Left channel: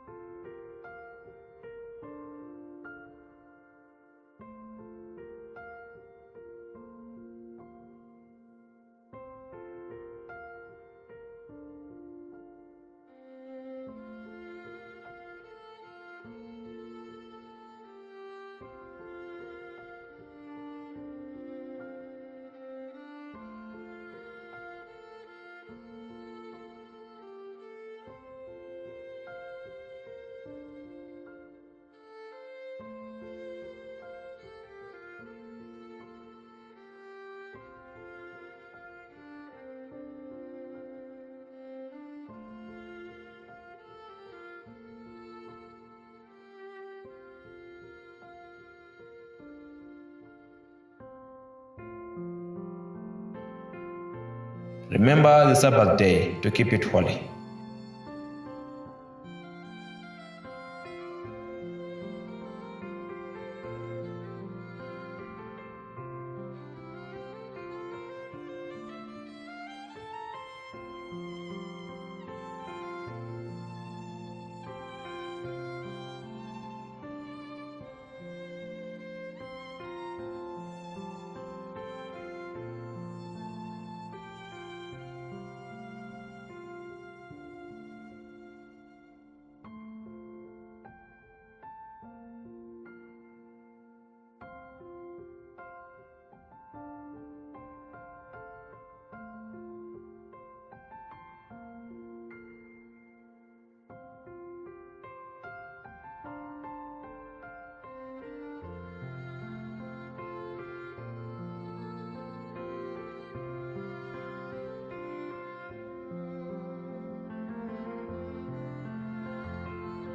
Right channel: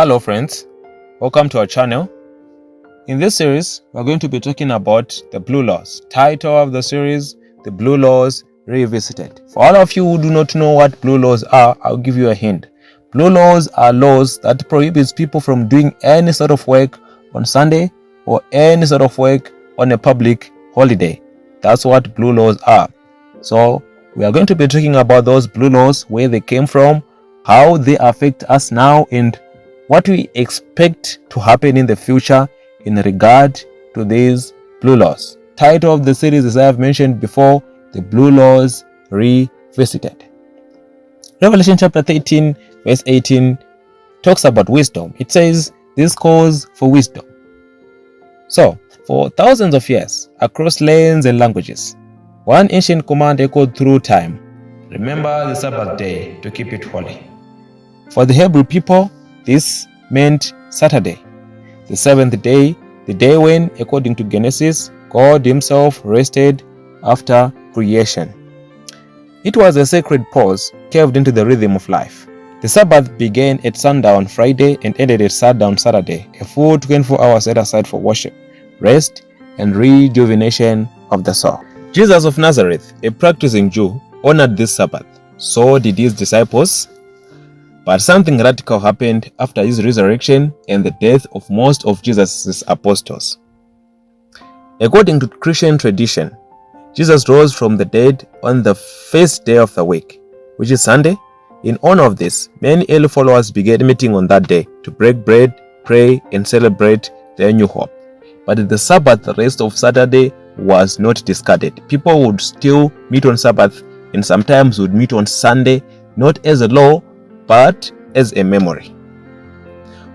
Hello friends, welcome to our channel. In this series, we're going to be talking about the Blue Laws. Title of the series, The Blue Laws Revisited. For all of you who do not know what Blue Laws are, I'll give you a hint. Blue Laws are laws that prohibits people from doing any sort of work on Sunday or any sort of work on a public holiday. That's what Blue Laws are. So, we are going to be talking about those Blue Laws, where they came from, how they affect us now, and what we expect to happen in the future in regard to these Blue Laws. Title of the series, as I have mentioned before, The Blue Laws Revisited. Revelation chapter 13 verse 18 talks about wisdom. It says, "This calls for wisdom." So, for thousands of years, across lands and languages, one ancient command echoed through time: remember the Sabbath day to keep it holy. For the Hebrew people, this meant Saturday, the seventh day, the day when, according to Genesis, God himself rested after creation. It was a sacred pause carved into the rhythm of life. The Sabbath began at sundown Friday and ended at sundown Saturday, a full 24 hours set aside for worship, rest, and rejuvenation of the soul. Jesus of Nazareth, a practicing Jew, honored this Sabbath. So did his disciples. But something radical happened after his resurrection and the death of most of Jesus' apostles. According to Christian tradition, Jesus rose from the dead on the first day of the week, which is Sunday. In honor of this, many early followers began meeting on that day to break bread, pray, and celebrate their new hope. But the Sabbath, the rest of Saturday, was not discarded. People would still meet on Sabbath and sometimes would meet on Sunday, not as a law, but as a memory.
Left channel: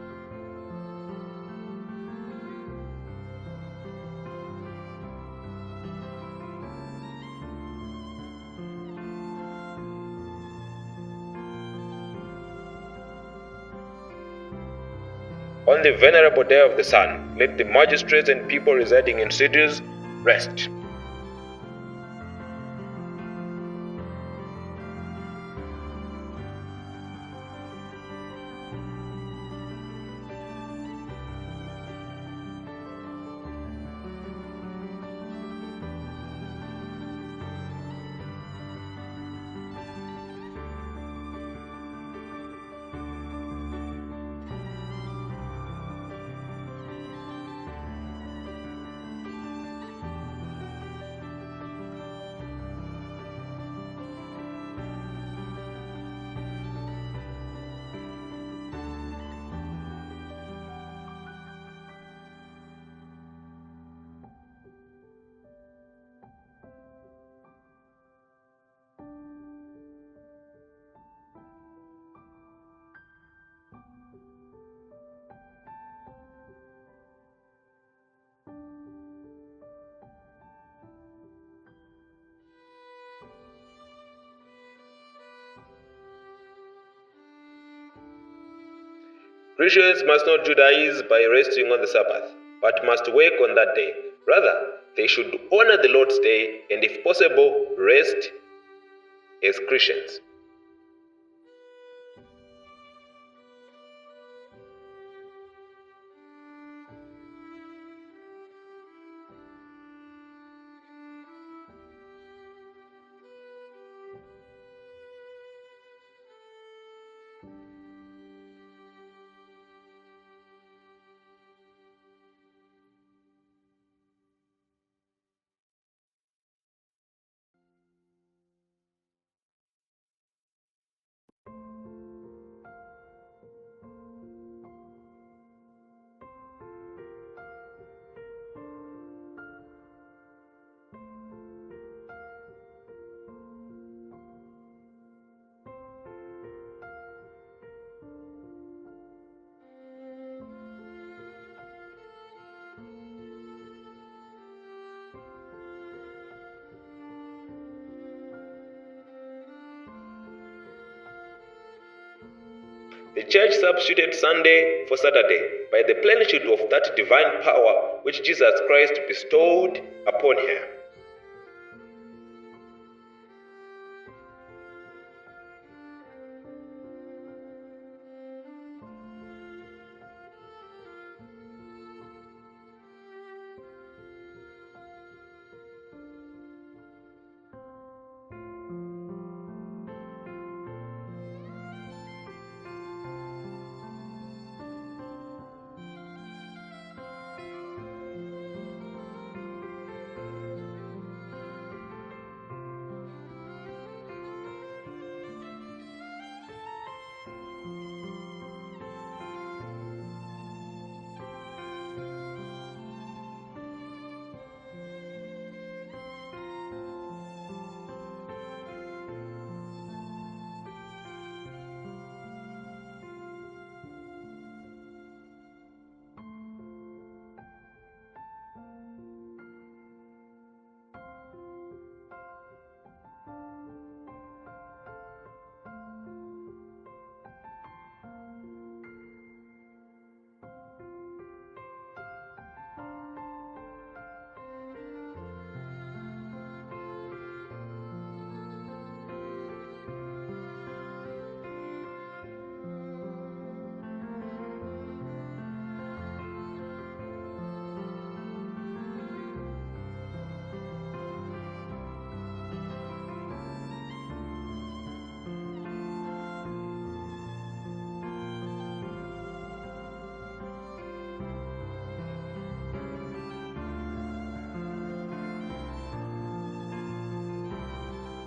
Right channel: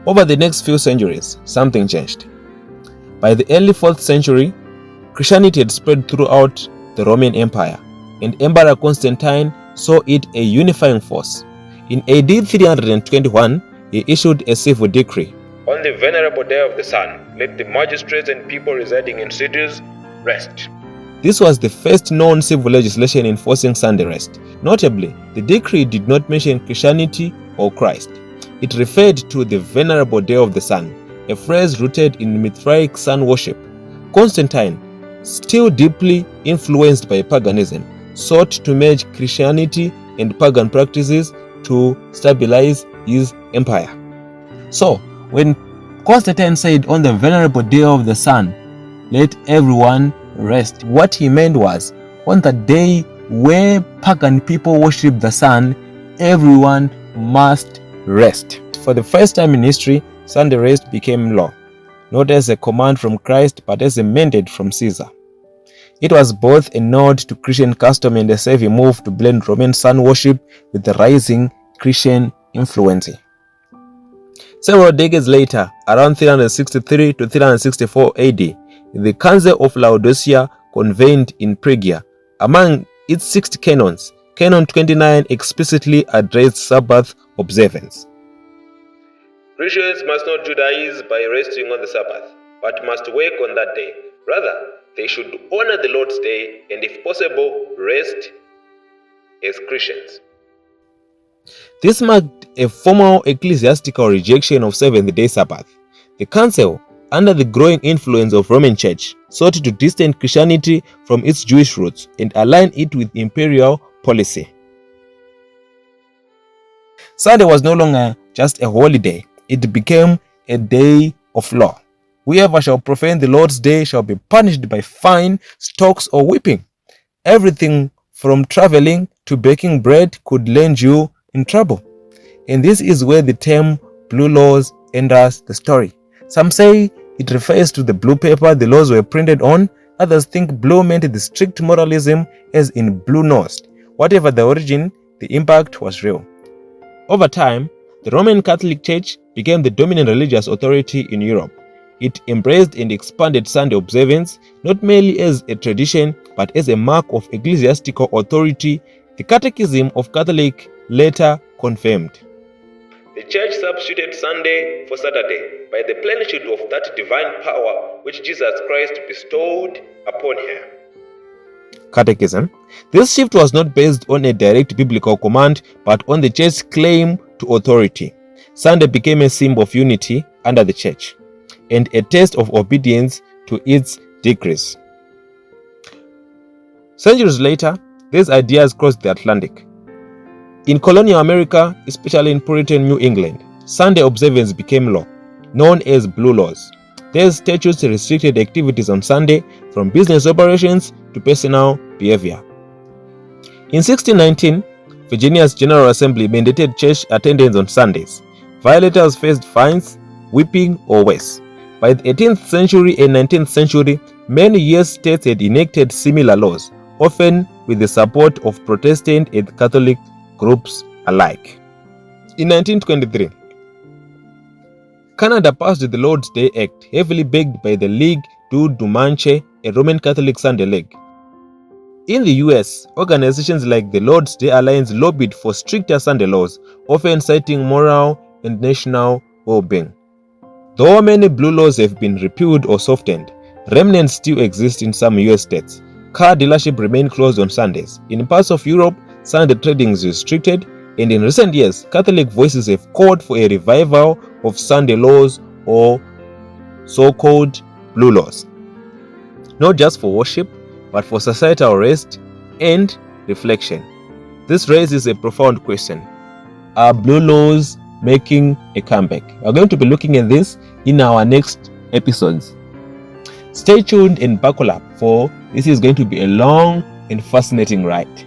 Over the next few centuries, something changed. By the early 4th century, Christianity had spread throughout the Roman Empire, and Emperor Constantine saw it a unifying force. In AD 321, he issued a civil decree: on the venerable day of the sun, let the magistrates and people residing in cities rest. This was the first known civil legislation enforcing Sunday rest. Notably, the decree did not mention Christianity or Christ. It referred to the venerable day of the sun, a phrase rooted in Mithric sun worship. Constantine, still deeply influenced by paganism, sought to merge Christianity and pagan practices to stabilize his empire. So, when Constantine said, on the venerable day of the sun, let everyone rest, what he meant was, on the day where pagan people worship the sun, everyone must rest. For the first time in history, Sunday rest became law, not as a command from Christ, but as a mandate from Caesar. It was both a nod to Christian custom and a savvy move to blend Roman sun worship with the rising Christian influence. Several decades later, around 363 to 364 AD, the Council of Laodicea convened in Phrygia. Among its 60 canons, Canon 29 explicitly addressed Sabbath observance. Christians must not Judaize by resting on the Sabbath, but must work on that day. Rather, they should honor the Lord's day and, if possible, rest as Christians. This marked a formal ecclesiastical rejection of Seventh-day Sabbath. The Council, under the growing influence of Roman Church, sought to distance Christianity from its Jewish roots and align it with imperial policy. Sunday was no longer just a holiday, it became a day of law. Whoever shall profane the Lord's day shall be punished by fine, stocks, or whipping. Everything from traveling to baking bread could land you in trouble. And this is where the term Blue Laws enters the story. Some say it refers to the blue paper the laws were printed on. Others think blue meant the strict moralism, as in blue-nosed. Whatever the origin, the impact was real. Over time, the Roman Catholic Church became the dominant religious authority in Europe. It embraced and expanded Sunday observance, not merely as a tradition, but as a mark of ecclesiastical authority. The Catechism of Catholic later confirmed. The Church substituted Sunday for Saturday by the plenitude of that divine power which Jesus Christ bestowed upon her. Catechism. This shift was not based on a direct biblical command, but on the Church's claim to authority. Sunday became a symbol of unity under the church and a test of obedience to its decrees. Centuries later, these ideas crossed the Atlantic. In colonial America, especially in Puritan New England, Sunday observance became law, known as blue laws. These statutes restricted activities on Sunday, from business operations to personal behavior. In 1619, Virginia's General Assembly mandated church attendance on Sundays. Violators faced fines, whipping, or worse. By the 18th century and 19th century, many US states had enacted similar laws, often with the support of Protestant and Catholic groups alike. In 1923, Canada passed the Lord's Day Act, heavily backed by the Ligue du Dimanche, a Roman Catholic Sunday league. In the US, organizations like the Lord's Day Alliance lobbied for stricter Sunday laws, often citing moral and national well-being. Though many blue laws have been repealed or softened, remnants still exist in some US states. Car dealerships remain closed on Sundays. In parts of Europe, Sunday trading is restricted, and in recent years, Catholic voices have called for a revival of Sunday laws, or so-called blue laws, not just for worship, but for societal rest and reflection. This raises a profound question. Are blue laws making a comeback? We're going to be looking at this in our next episodes. Stay tuned and buckle up, for this is going to be a long and fascinating ride.